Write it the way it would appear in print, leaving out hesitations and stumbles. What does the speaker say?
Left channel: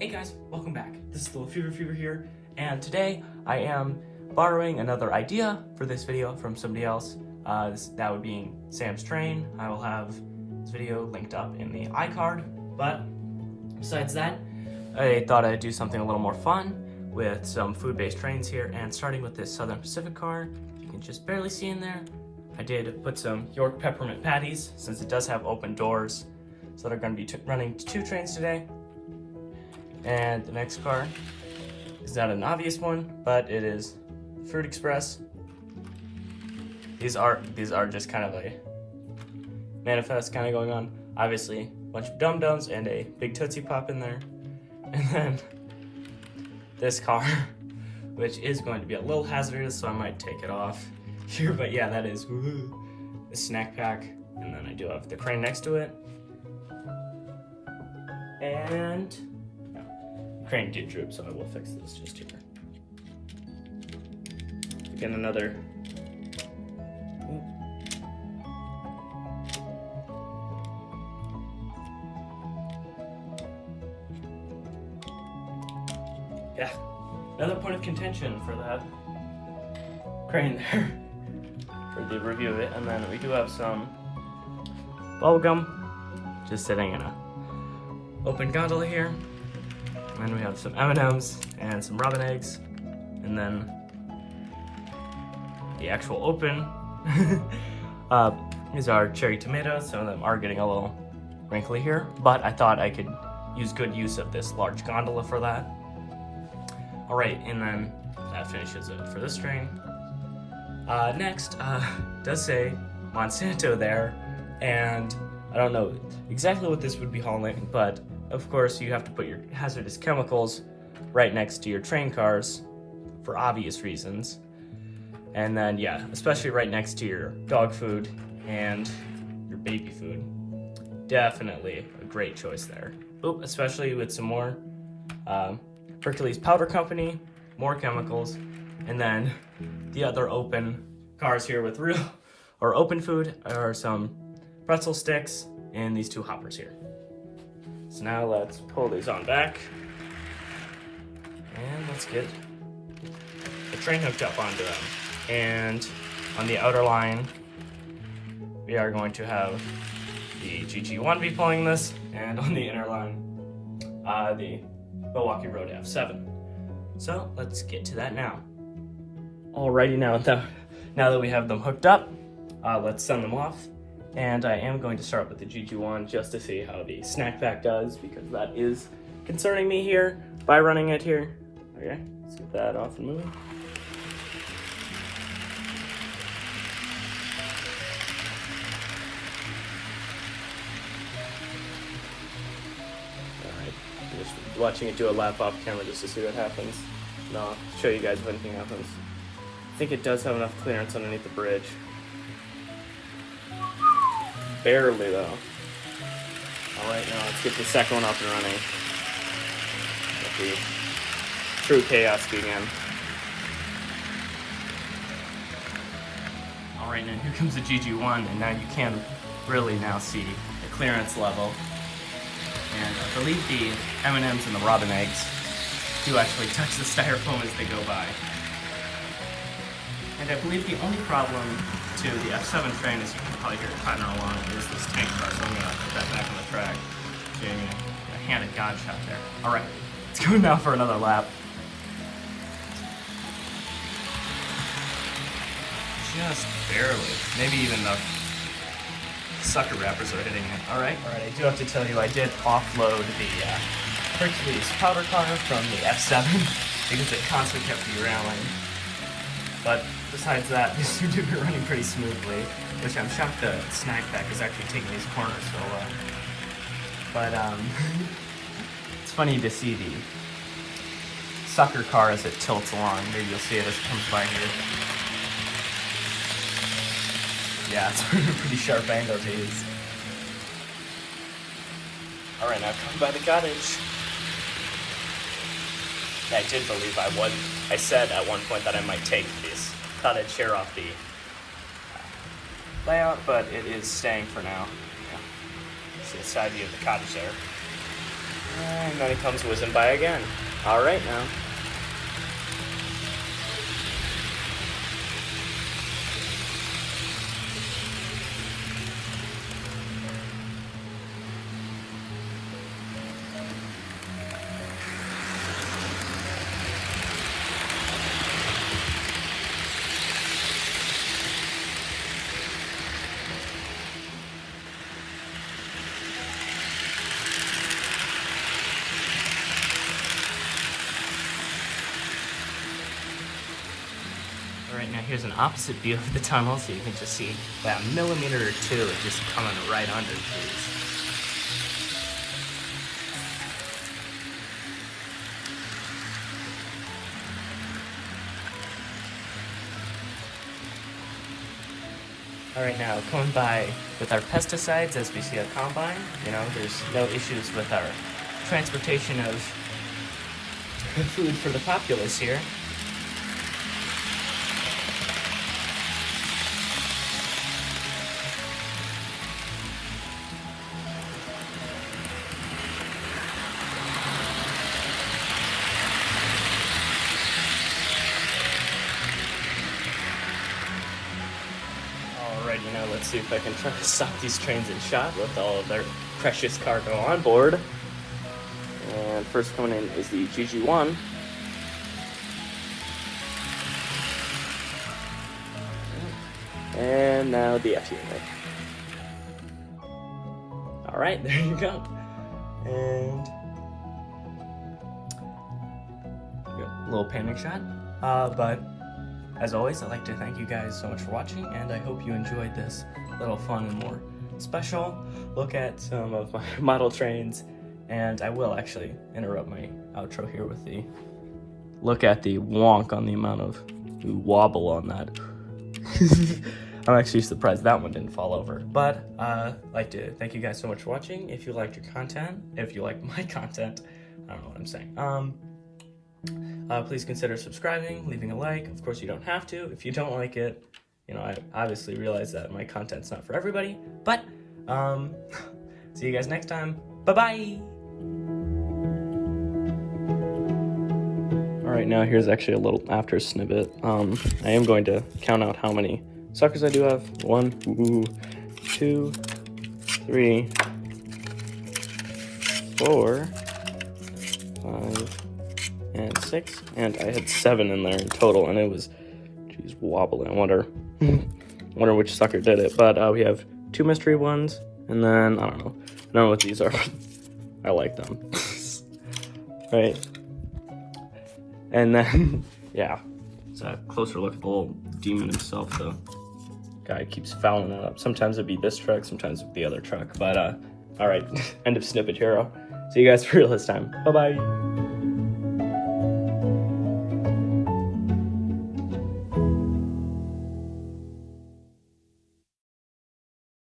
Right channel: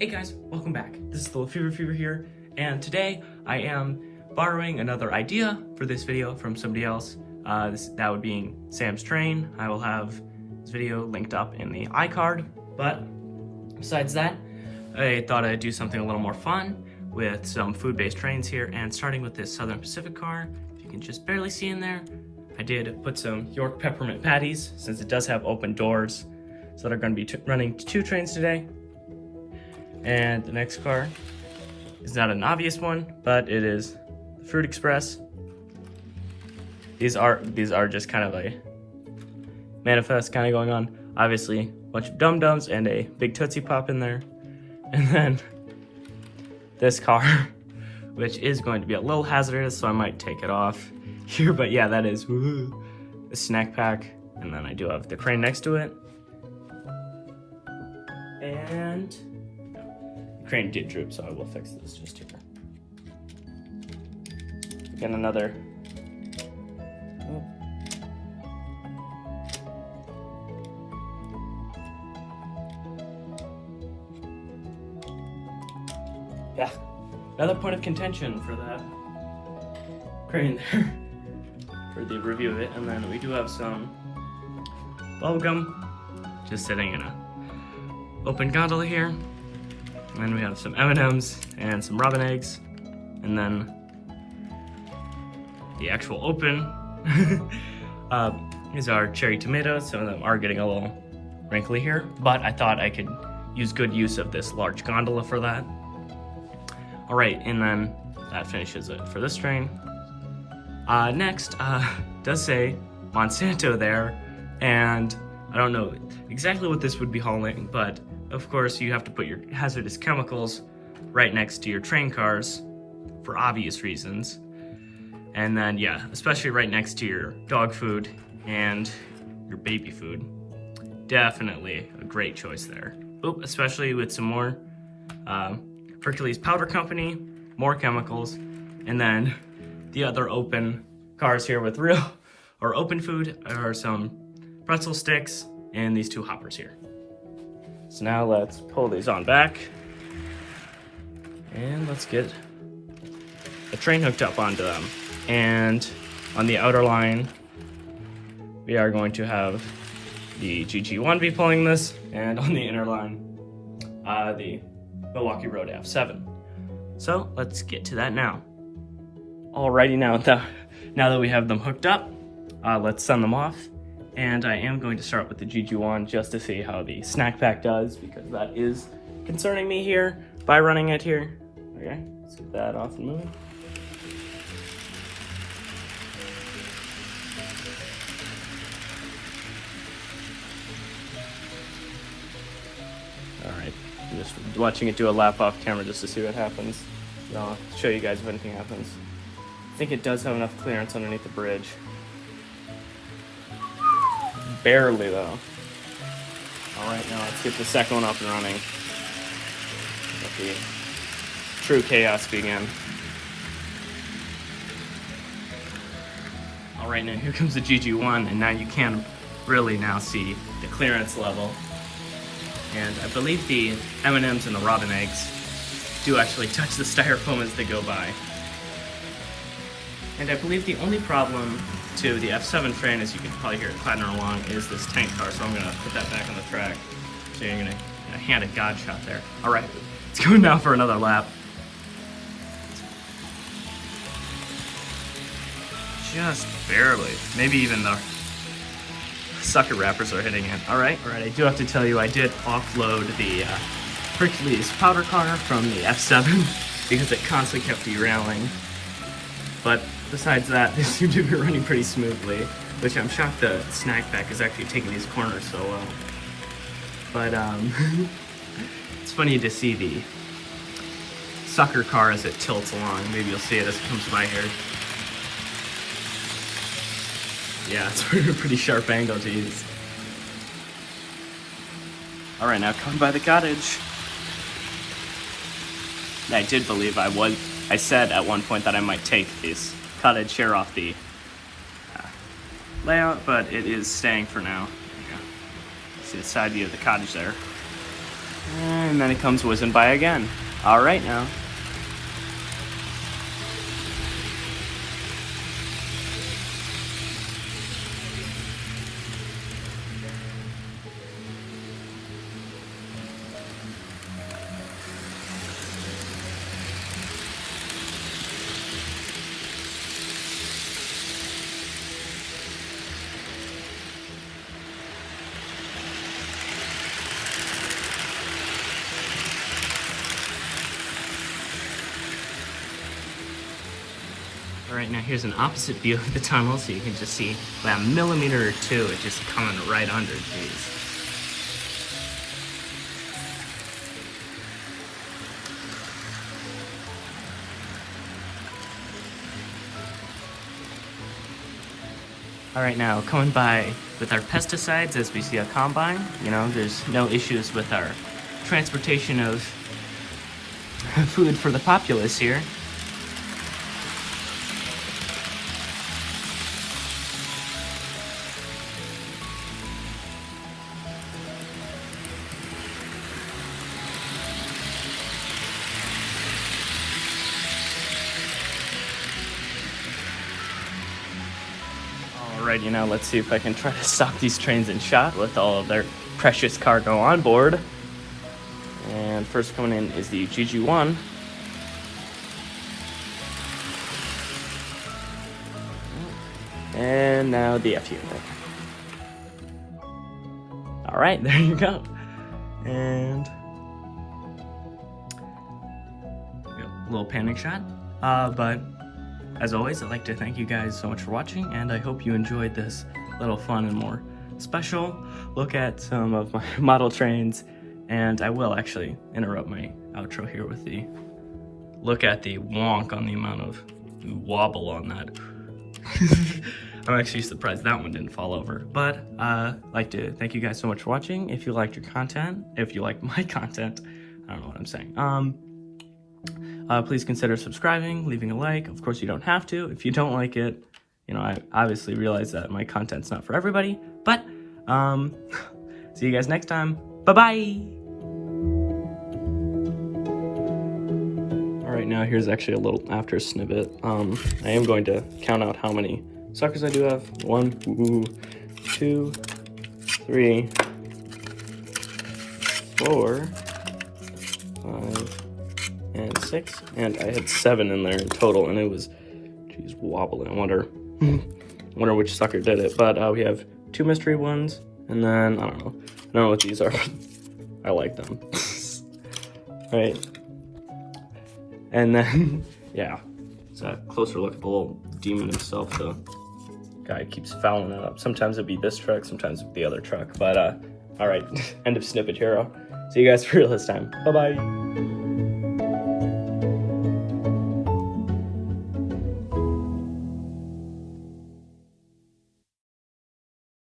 Hey guys, welcome back. This is the Fever here, and today I am borrowing another idea for this video from somebody else. That would be Sam's train. I will have this video linked up in the iCard, but besides that, I thought I'd do something a little more fun with some food-based trains here, and starting with this Southern Pacific car. If you can just barely see in there, I did put some York peppermint patties, since it does have open doors, so they're going to be running 2 trains today. And the next car is not an obvious one, but it is Fruit Express. These are just kind of a manifest kind of going on. Obviously, a bunch of dum-dums and a big Tootsie Pop in there. And then this car, which is going to be a little hazardous, so I might take it off here. But yeah, that is the snack pack. And then I do have the crane next to it. And crane did droop, so I will fix this just here. Again, another. Yeah, another point of contention for that crane there for the review of it. And then we do have some bubblegum just sitting in a open gondola here. And then we have some M&Ms and some robin eggs, and then the actual open is our cherry tomatoes. Some of them are getting a little wrinkly here, but I thought I could use good use of this large gondola for that. All right, and then that finishes it for this train. Next, does say Monsanto there, and I don't know exactly what this would be hauling, but of course you have to put your hazardous chemicals right next to your train cars for obvious reasons. And then yeah, especially right next to your dog food and your baby food. Definitely a great choice there. Oh, especially with some more Hercules Powder Company, more chemicals, and then the other open cars here with real or open food are some pretzel sticks and these 2 hoppers here. So now let's pull these on back, and let's get a train hooked up onto them. And on the outer line, we are going to have the GG1 be pulling this, and on the inner line, the Milwaukee Road F7. So let's get to that now. Alrighty, now that we have them hooked up, let's send them off. And I am going to start with the GG1 just to see how the snack pack does, because that is concerning me here by running it here. Okay, let's get that off and move. Alright, just watching it do a lap off camera just to see what happens. So I'll show you guys when anything happens. I think it does have enough clearance underneath the bridge. Barely though. Alright, now let's get the second one up and running. Let the true chaos begin. Alright, now here comes the GG1, and now you can really now see the clearance level. And I believe the M&Ms and the robin eggs do actually touch the styrofoam as they go by. And I believe the only problem to the F7 train, as you can probably hear it clattering along, is this tank car. So I'm gonna put that back on the track. So you're gonna get a hand of God shot there. All right, let's go now for another lap. Just barely. Maybe even the sucker wrappers are hitting it. All right, I do have to tell you, I did offload the Hercules powder car from the F7 because it constantly kept derailing. But besides that, they seem to be running pretty smoothly, which I'm shocked the snack pack is actually taking these corners so well. But it's funny to see the sucker car as it tilts along. Maybe you'll see it as it comes by here. Yeah, it's a pretty sharp angle, geez. Alright, now coming by the cottage. I did believe I said at one point that I might take this cottage here off the layout, but it is staying for now. Yeah. See the side view of the cottage there. And then it comes whizzing by again. All right now. Alright, now here's an opposite view of the tunnel, so you can just see about a millimeter or two it just coming right under. Jeez. Alright, now coming by with our pesticides as we see a combine. You know, there's no issues with our transportation of food for the populace here. Alright, you know, let's see if I can try to stop these trains in shock with all of their precious cargo on board. And first one in is the GG1. And now the FU. Alright, there you go. And a little panic shot. But as always, I'd like to thank you guys so much for watching, and I hope you enjoyed this little fun and more special look at some of my model trains. And I will actually interrupt my outro here with the look at the wonk on the amount of wobble on that. I'm actually surprised that one didn't fall over. But I'd like to thank you guys so much for watching. If you liked your content, if you like my content, I don't know what I'm saying. Please consider subscribing, leaving a like. Of course, you don't have to. If you don't like it, you know, I obviously realize that my content's not for everybody. But see you guys next time. Bye-bye. All right, now here's actually a little after snippet. I am going to count out how many suckers I do have. 1, 2, 3, 4, 5, and 6, and I had 7 in there in total, and it was, geez, wobbling. I wonder which sucker did it. But we have 2 mystery ones, and then I don't know what these are. I like them. Right, and then yeah, it's a closer look at the little demon himself. The guy keeps fouling that up. Sometimes it'd be this truck, sometimes it'd be the other truck. But all right, end of snippet here. See you guys for real this time. Bye bye.